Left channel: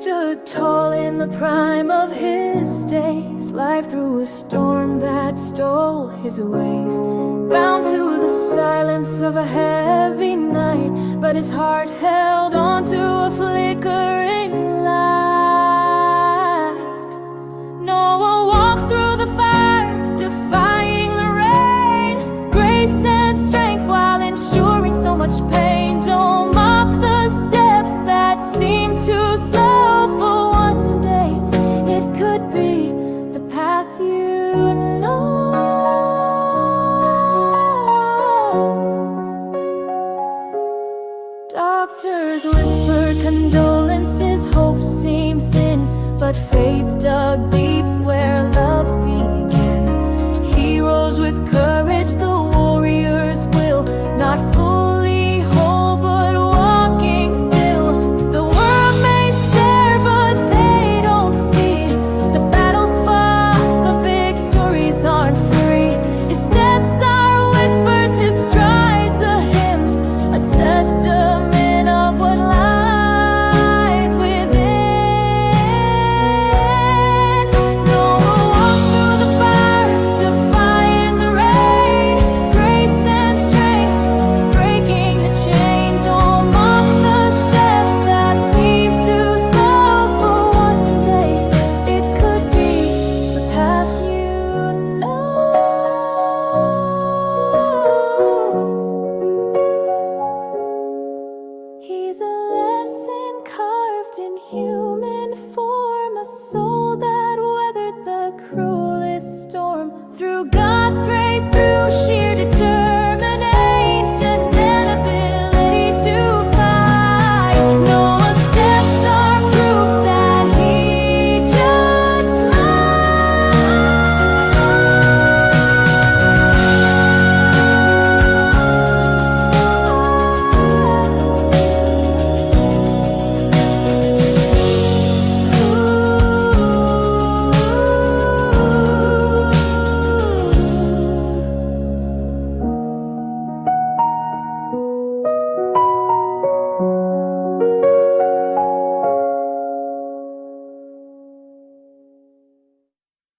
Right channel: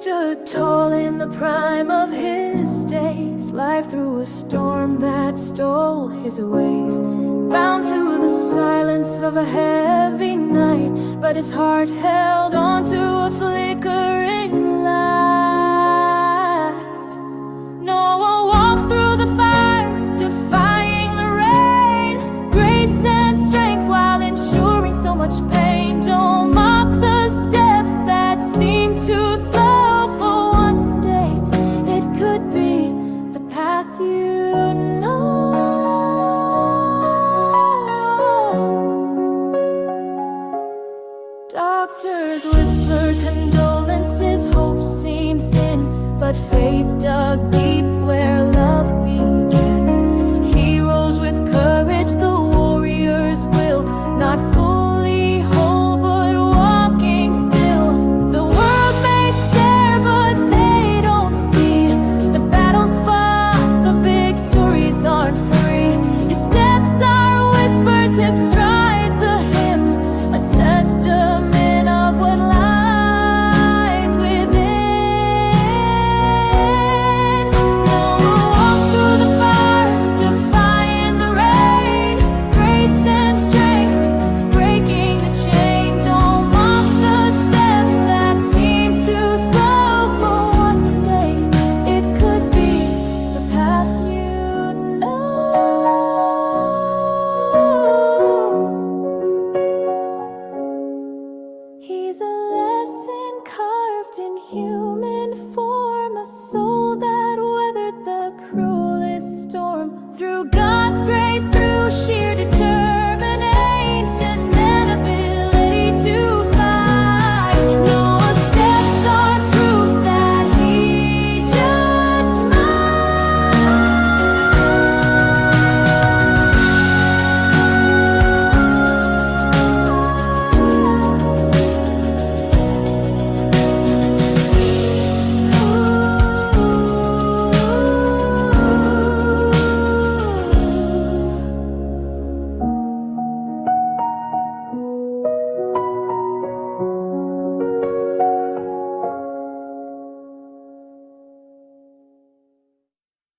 stood tall in the prime of his days. Life threw a storm that stole his ways, bound to the silence of a heavy night, but his heart held on to a flickering light. Noah walks through the fire, defying the rain, grace and strength while ensuring so much pain. Don't mock the steps that seem too slow, for one day it could be the path you know. Doctors whisper condolences, hope seemed thin, but faith dug deep where